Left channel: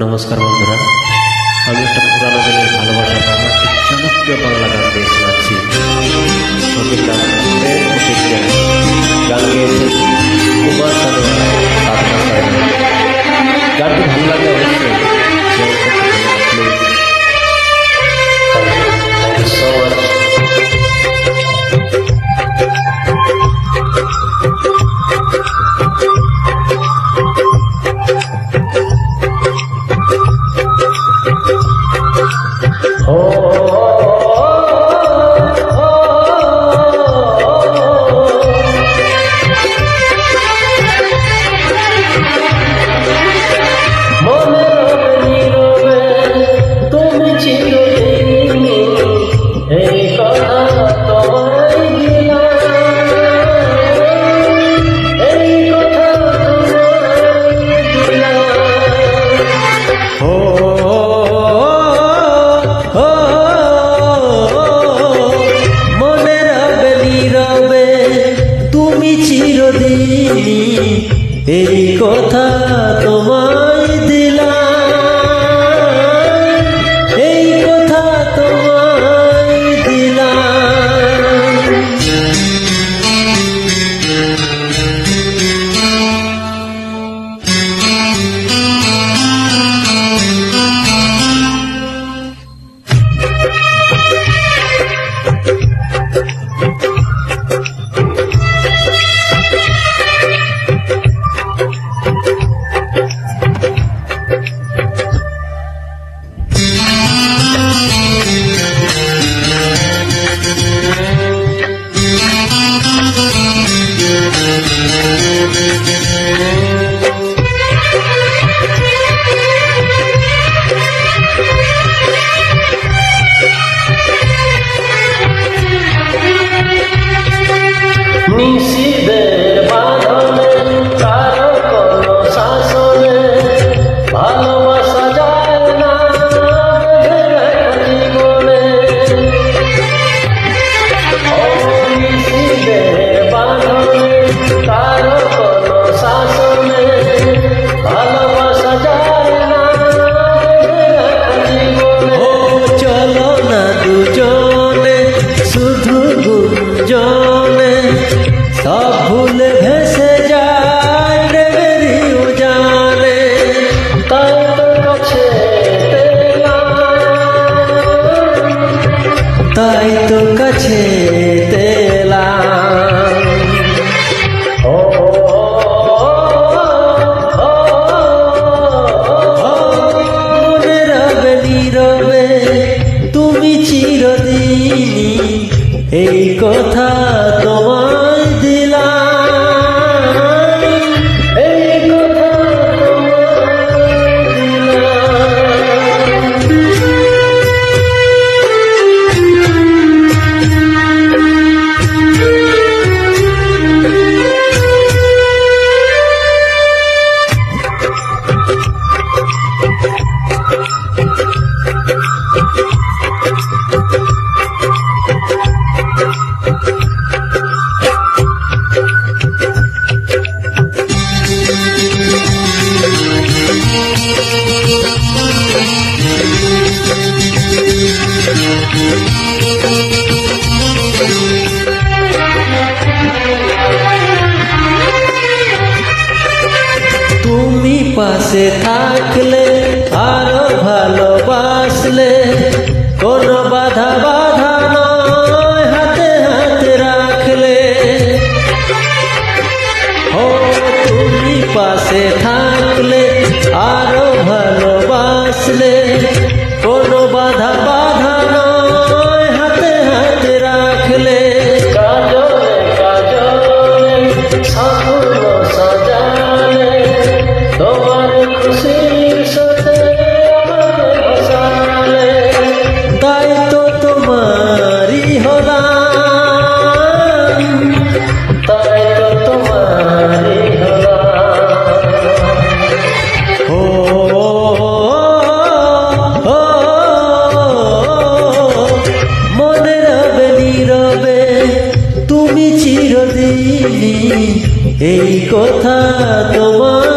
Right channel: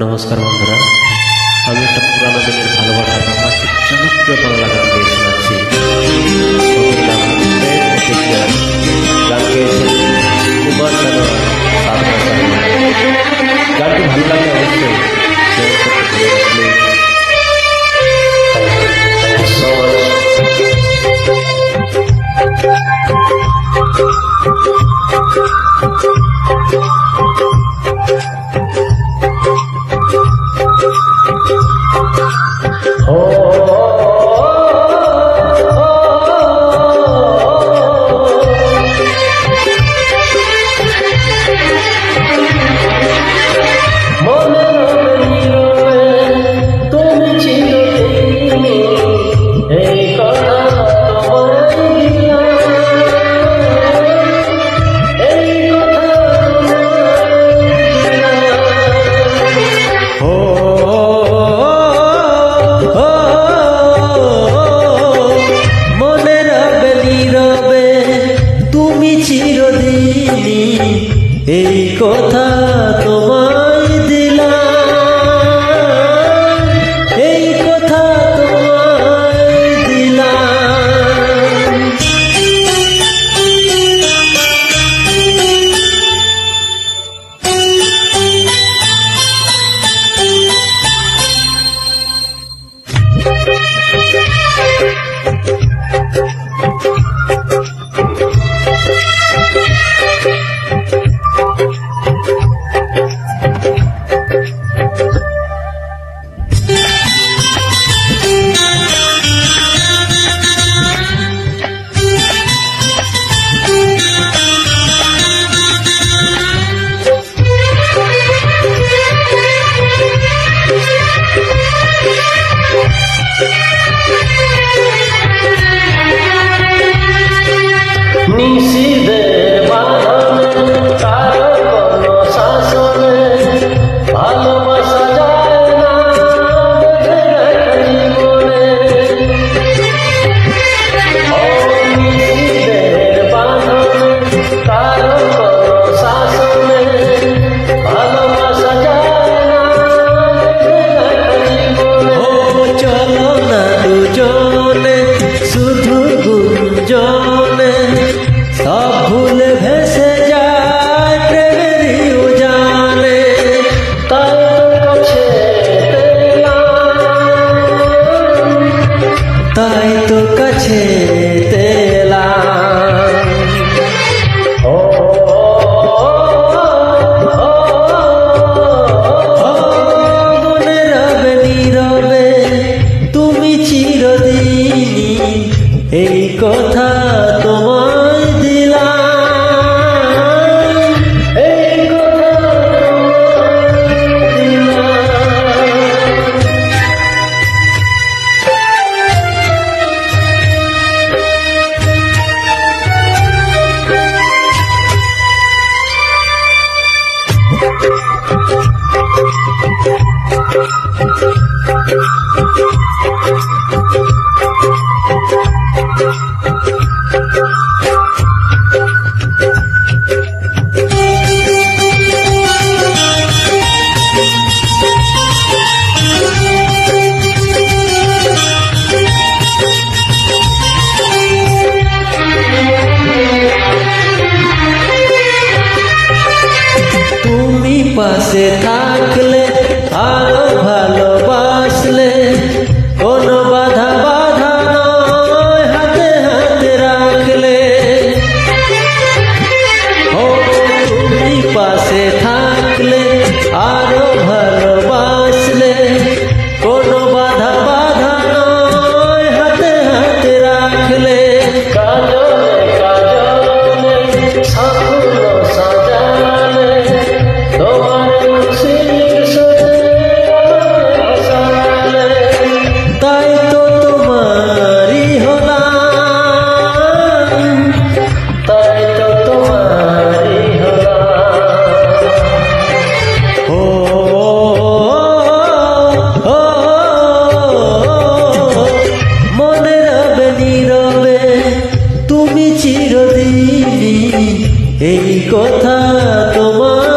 নমস্কার বন্ধুরা, আমি একটা পুরানো দিনের ভালোবাসার বাংলা একটি জনপ্রিয় বাংলা গান গেয়ে শোনাচ্ছি। ছবির নাম প্রেম প্রতিজ্ঞা। গান গেয়েছেন কুমার শানু আর সাধনা সায়না। গানটি ভালো লাগলে অবশ্যই শেয়ার করতে ভুলে না please. Thank you so much. মনে রবে নীরবে তুমি চিরদিন, এই কথা তোমায় দিলাম, এই কথা তোমায় দিলাম। মনে রবে নীরবে তুমি চিরদিন, এই কথা তোমায় দিলাম, এই কথা তোমায় দিলাম। নিষিদের বাঁধনে কারো কোনো শাসনে ভালোবাসা যায় না বেঁধে রাখা জীবনে। ও নিষিদের বাঁধনে কারো কোনো শাসনে ভালোবাসা যায় না বেঁধে রাখা জীবনে। ও চলো না দুজনে শুধু গুঞ্জনে, সব ভুলে ভেসে যায় প্রেমেরই উজানে। তাই তো কাছে তেলাম, তাই তো কাছে তেলাম। ও মনে রবে নীরবে তুমি চিরদিন, এই কথা তোমায় দিলাম, এই কথা তোমায় দিলাম। তুমি পাশে থাকলে আরো ভালোবাসলে, কোনো বাধা বাধা নয় হাতে হাতে রাখলে। ও তুমি পাশে থাকলে আরো ভালোবাসলে, কোনো বাধা বাধা নয় হাতে হাতে রাখলে। কাজলে কাজলে সাফল্য সাজালে, তোমার খুশির সাথে আমাকে ভাসালে। তাই তো তোমারই হলাম, তাই তো তোমারই হলাম। ও মনে রবে নীরবে তুমি চিরদিন, এই কথা তোমার